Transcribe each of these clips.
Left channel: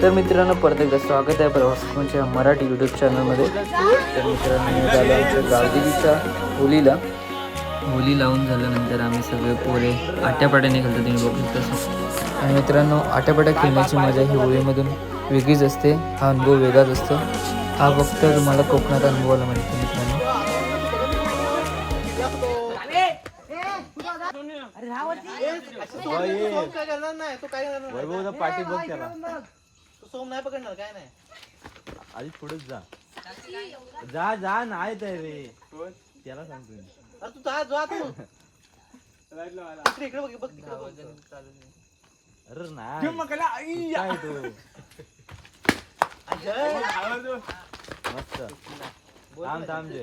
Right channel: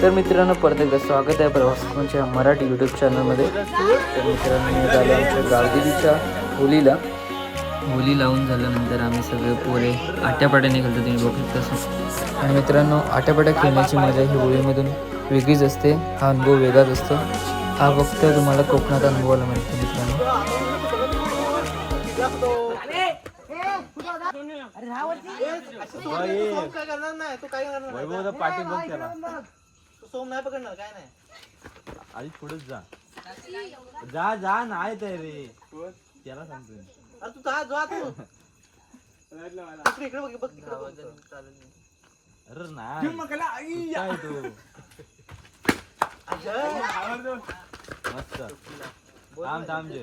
तर मित्रांनो परत एकदा स्वागत आहे प्रवासकोनच्या मराठी यूट्यूब चॅनलमध्ये तर मित्रांनो मी झालो आमच्या गावदेवीच्या होलीला. होली लावून झाल्यानंतर आम्ही सगळे पोरे आट्यापाट्याने खेळतो तुम्ही बघू शकता आणि मित्रांनो आट्यापाट्या खेळण्याची मजा ही होळीमधून वेगळीच असते. हा अनुभव वेगळाच असतो. हा फक्त तुम्हाला कोकणात अनुभवायला मिळतो मित्रांनो. वैभवचा पाठी बघ त्याला सोम नाही पकडणार काय नाही आधी पुढेच जा जा जा नाही ते रे त्याला सांगतो तू जा जा तू इकडे बघ बघ अरे नाही काय तू मस्त थांब थांब जे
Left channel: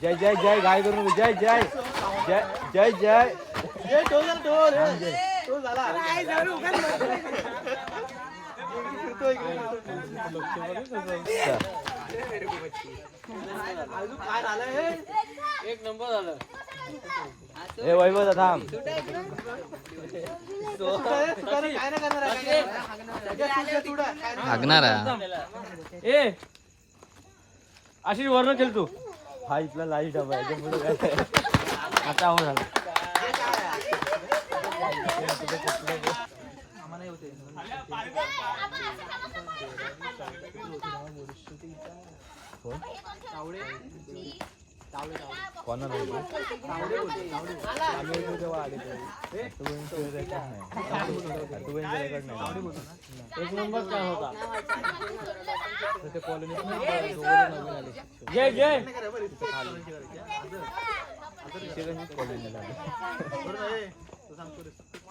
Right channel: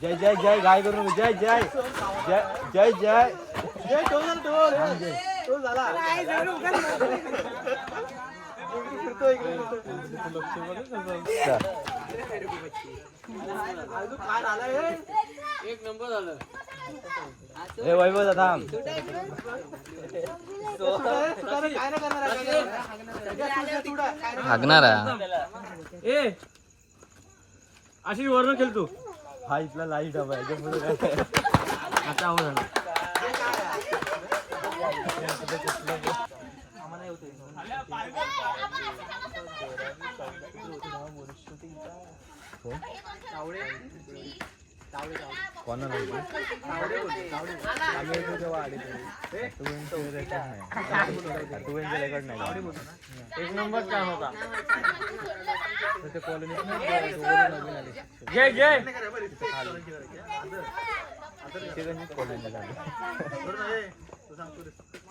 जय जय जय गाय करून जय जय जय जय जय जय टोल टोल थांब झाला. हे वैभव थांब हागणार. आहे ए अशी वर्ण खेळ तू. हा इथला लाइट हवा याच्यापुढे काय आला एक नंबर काय होता जय जय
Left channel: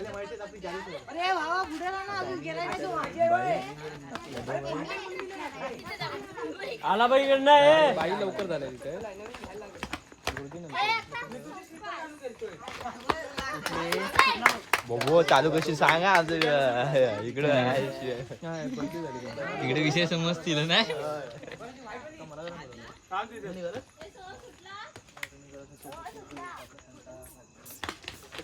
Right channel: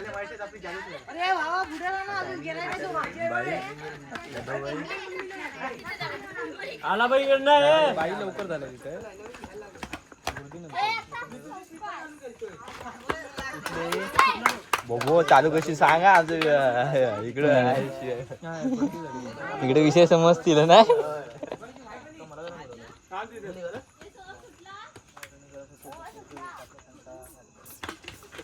अरे भावा पुढे जा ना अजून गेलाय नाही तो माझ्या आला बाई इकडनं बाई लवकर झाल्या तिथे. बघू चालू कशी सांगा आज इकडे इकडे विषय समजतील ना.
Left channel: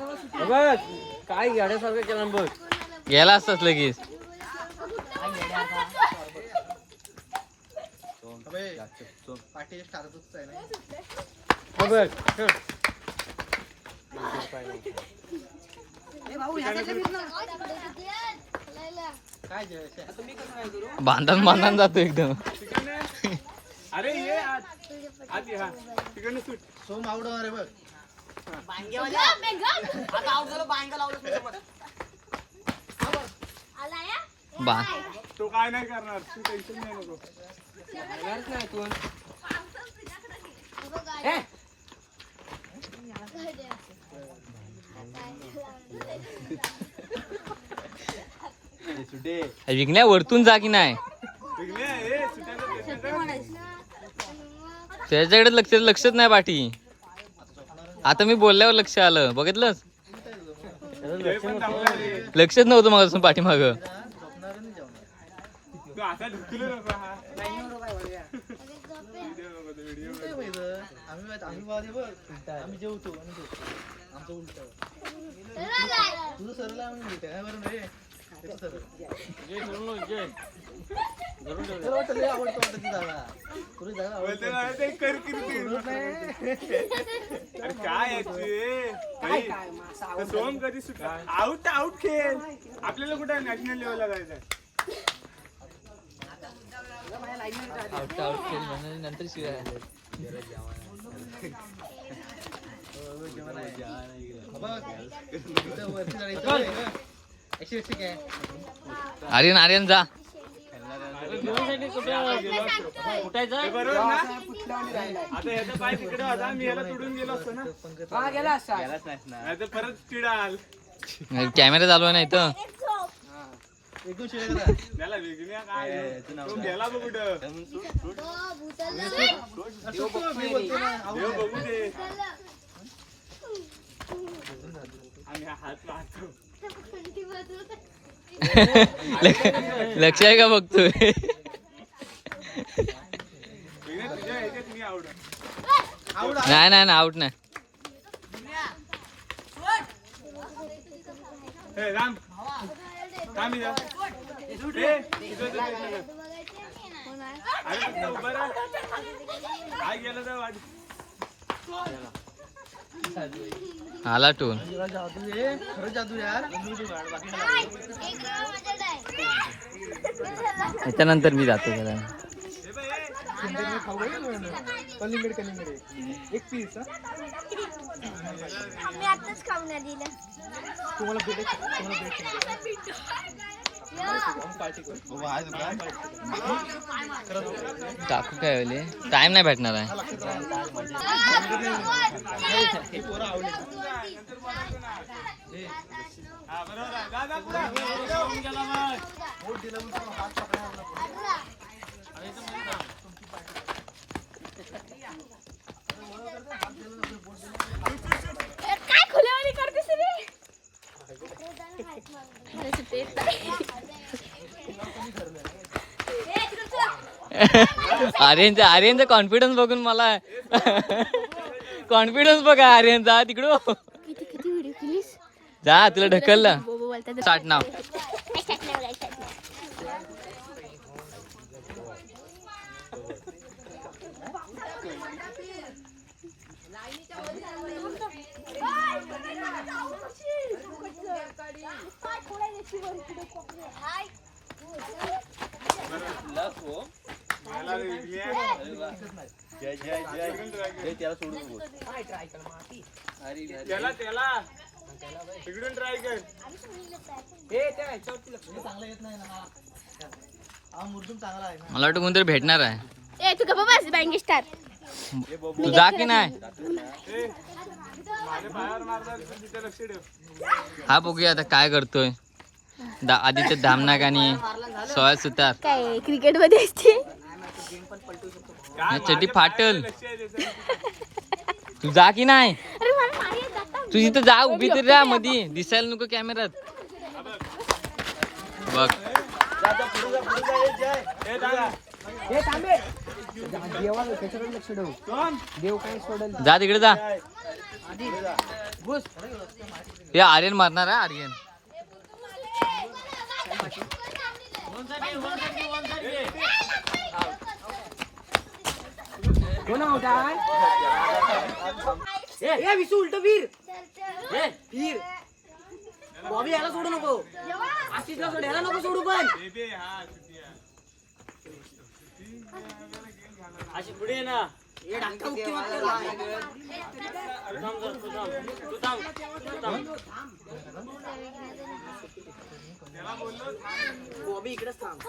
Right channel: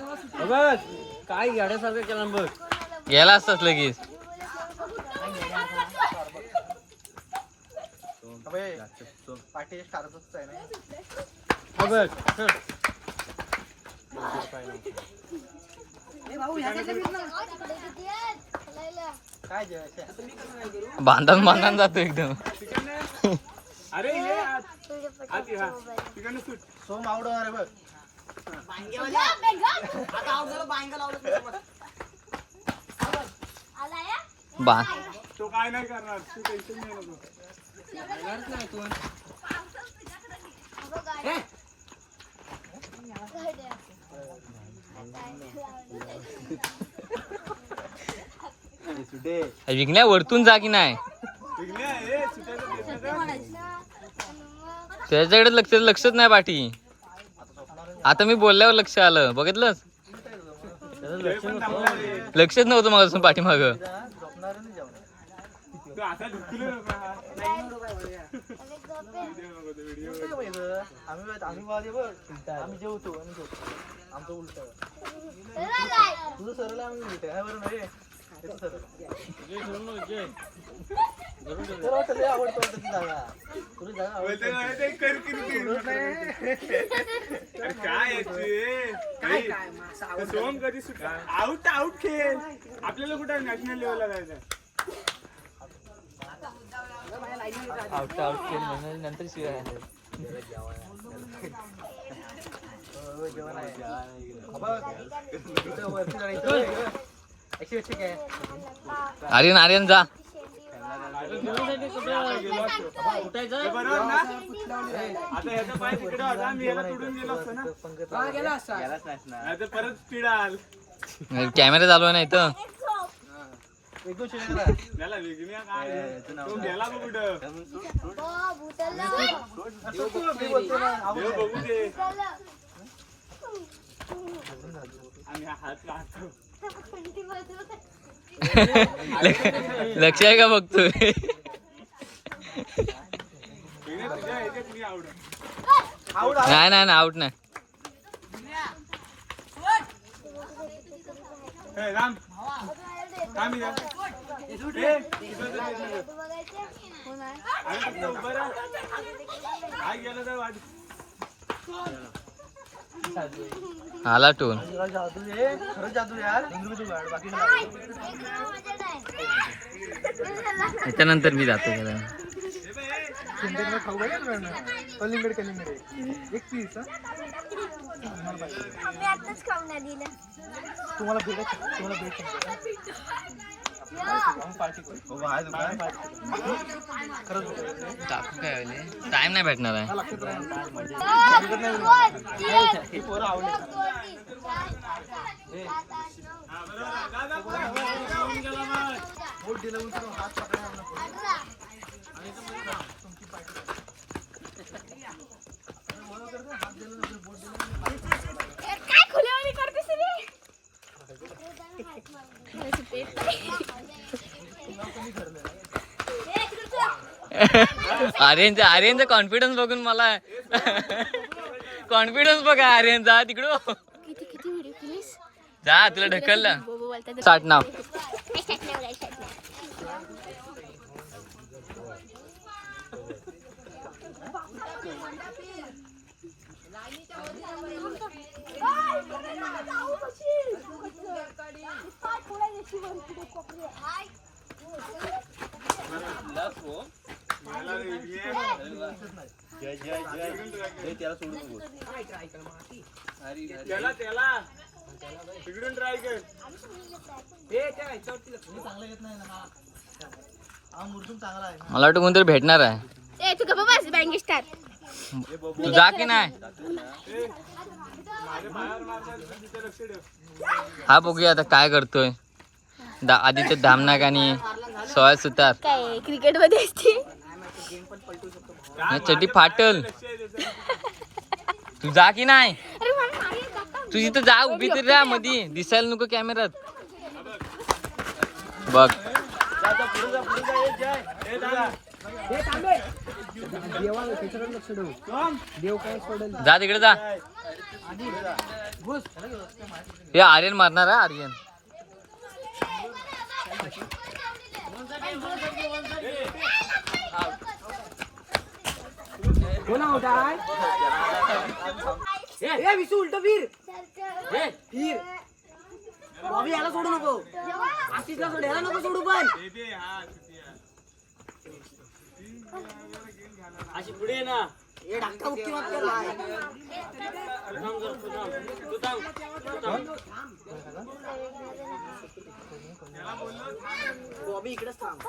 काय गाड्यासारखं केला बघ. गेला असताच लगेच. भांडण भांडण जातो एकदम. अरे ये आत आत ये हा. तिकडनं सुट. सोम आवडो अरे बघ. बा. तो काय नाही करणार तू टेन्शन नाही नको. सुटे विकण्या वरतून जा की नाही? ए सुटायचं त्याच्याकडे लक्ष लक्षच नाही पाठी आता मी बोलल्यावर लक्ष आलं. बघितलंस? लक्षच नव्हतं माझं पाठीमाग. आवडते. सोम कधी सुटला आउट आउट खेळ आपल्याला कुठे नॅशनल लेवलला जायचं काय? आर्यन आर्यन जा बरोबर ना आता ह्याचा पाय तिकडे होता मी ह्याला तुडून गेलो असतो ना नाही तर परत पिडाल कॅमेरा चालू आहे ना इथं? त्याला काय तो गेला बघ कुठं देव बघू दे आम्ही हात पाहतो लक्ष आहे का बघतोय? नाही नाही आउट नाही. काय गेलं तर आला टोन. त्याच्यानंतर मी जातो हा. दिल्या तुम्हाला टाकू काय टाइम नाही भेटणार आहे हा बरोबर आहे. जा, जा, पुढे. जाऊन गेला मग. काय खुलेवाली करतेस रे आर्यनचा आर्यनचा कॉन्फिडन्स बघून मला कॉन्फिडन्स बघा आर्यनचा तिकडं किती किती व्हिडिओ केलीस जा तुला ढकललं साठ नाव त्याला त्याला तिकडून ट्राय कर. चांगला येत नाही ना मला. हा मुर्दूम चांगला आहे. मला वाटतं कोणतरी भेटणार आहे. ए तू गप्पा बस बँक स्टार तू जा की नाही? हा बघूया आता काय करतोय. दा आदित्य धामनाक आणि सुतार. काय क्रिकेटमध्ये असते? चटी फाटल. तू जा की नाही. तू इथं जा उभी तर राहा मधी. दिसायला नको कॅमेऱ्यात बघ. ए, दादा. जा तिकडे जा. हे आर्यन मारणार आहे आर्यन. बॉबी याला सोडू नको. आशिषला सोड याला नको सोडू पण. बेबी, हा, चुकी आहे. हे ढाका बुक्की मत कर भाई थांब. बॉबी इकडेच थांब तू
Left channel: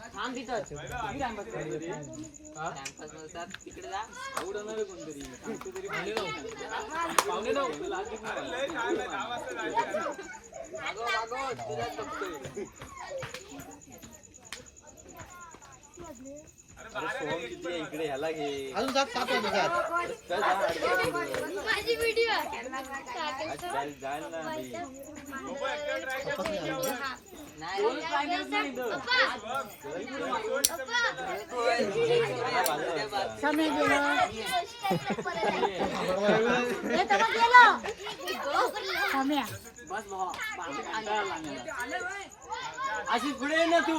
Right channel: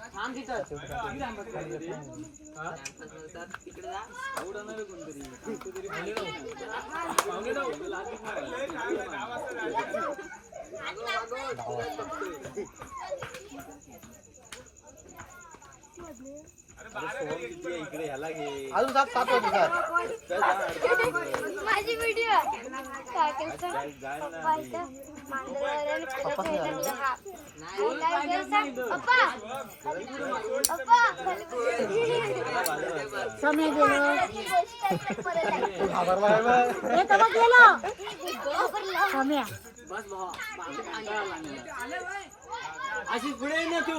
एवढं गेलेलं पुढं तिथं जाम एवढं नाही तर मागाशी बॉबी येणार की नाही नको ऐकून उडवतील ए बाय ए, आला ना तुला बघणार नाही ना. ए, बाला येईल अरे फोन किती आहे इकडे ह्याला घे अजून सात सात होतो का काय जा, अडकं नको. माझी व्हिडिओ आज काय जाईल ना आधी. पप्पा तुम्ही आले. अशी पुढे ये ना तू.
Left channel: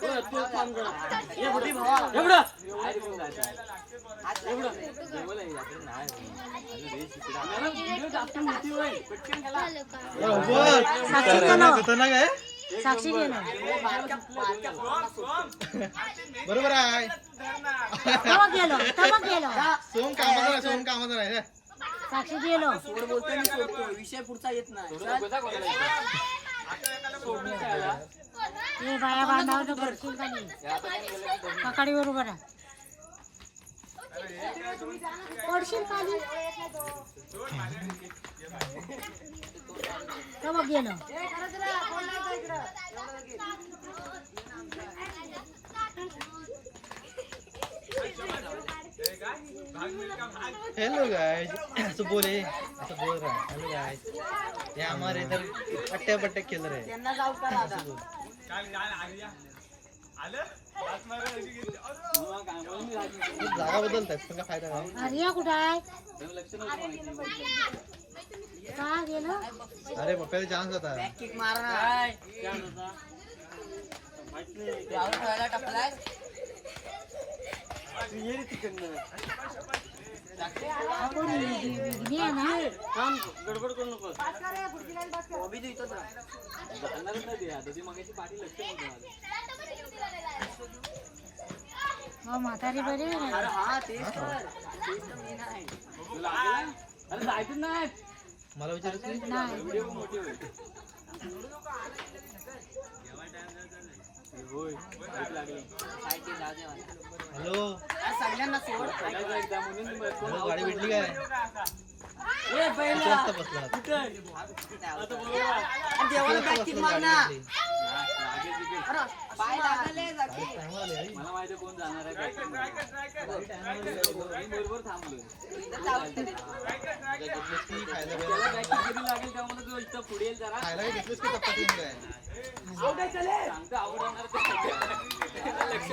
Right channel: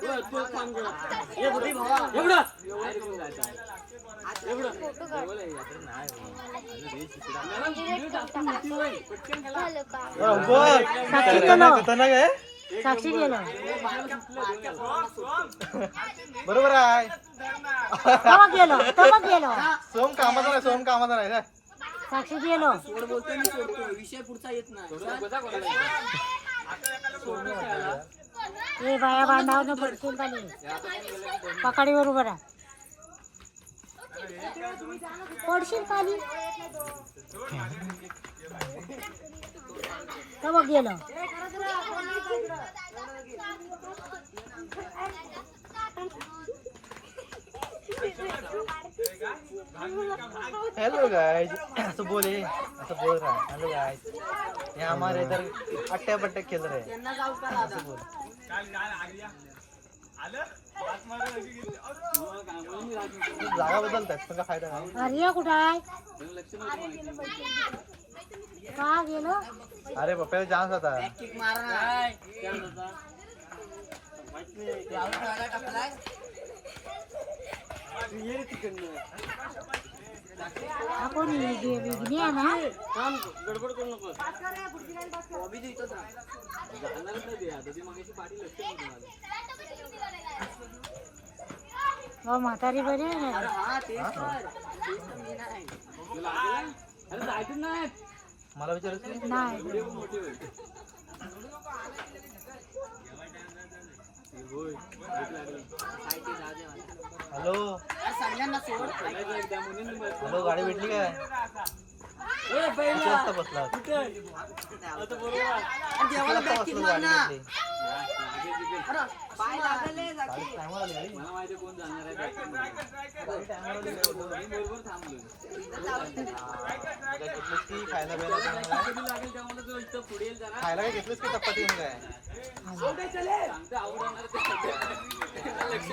तू- तू काम कर बरोबर आहे सोम कामाचा नाही सोम कामाचा नाही काय? सोड मी सोडतो विषय पुढचा येत नाही गोदा कोणाला येतो? सोडून काय पकाडी बरोबर आहे पडशील खाली बघ गेलं हेलो गाइस असं बोल हे. असं बोल रहा हेलो गाइस ये हमारे इधर अट्टे बट्टे खेल रहे हैं। काय काय आर्या आलं हात मारून अशी घेतली अरे, तुम्हाला काय म्हणून मी राहत नाही. जागा बदलतात तुला फायदा नाही. आर्या कुठं आहे पण लक्ष नव्हतं माहिती. का गेलं अरे पप्पाला चान्स होता ना थांब, गडबड करू नको बॉबी तू इथंच राह. जाणारच नाही ते आता ती मगाशी पाठी लक्ष नव्हतं माझं. हो म्हातारी बरी अरे हा तेच तर. तेच लागेल? अरे जायचं नाही. मला विचारायचं नाही? व्हिडिओ पण मोठी होईल. होय. ऐक लागलं. काय ते जाऊ दे मला. हॅलो. सगळ्यांना सोड. एकदा म्हणून. हॅलो गाडी भेटली काय? ए पहिला. जास्त बसला. कुठं? आता बरोबर. आहे. देवाला बॅग लागेल तिकीट. मला माहिती कोण जाणार आहे बरोबर थांबलो त्याला back कधी लागेल त्यामुळे तो इथं पुढे येईल जरा सांगतो आवडणार. लक्ष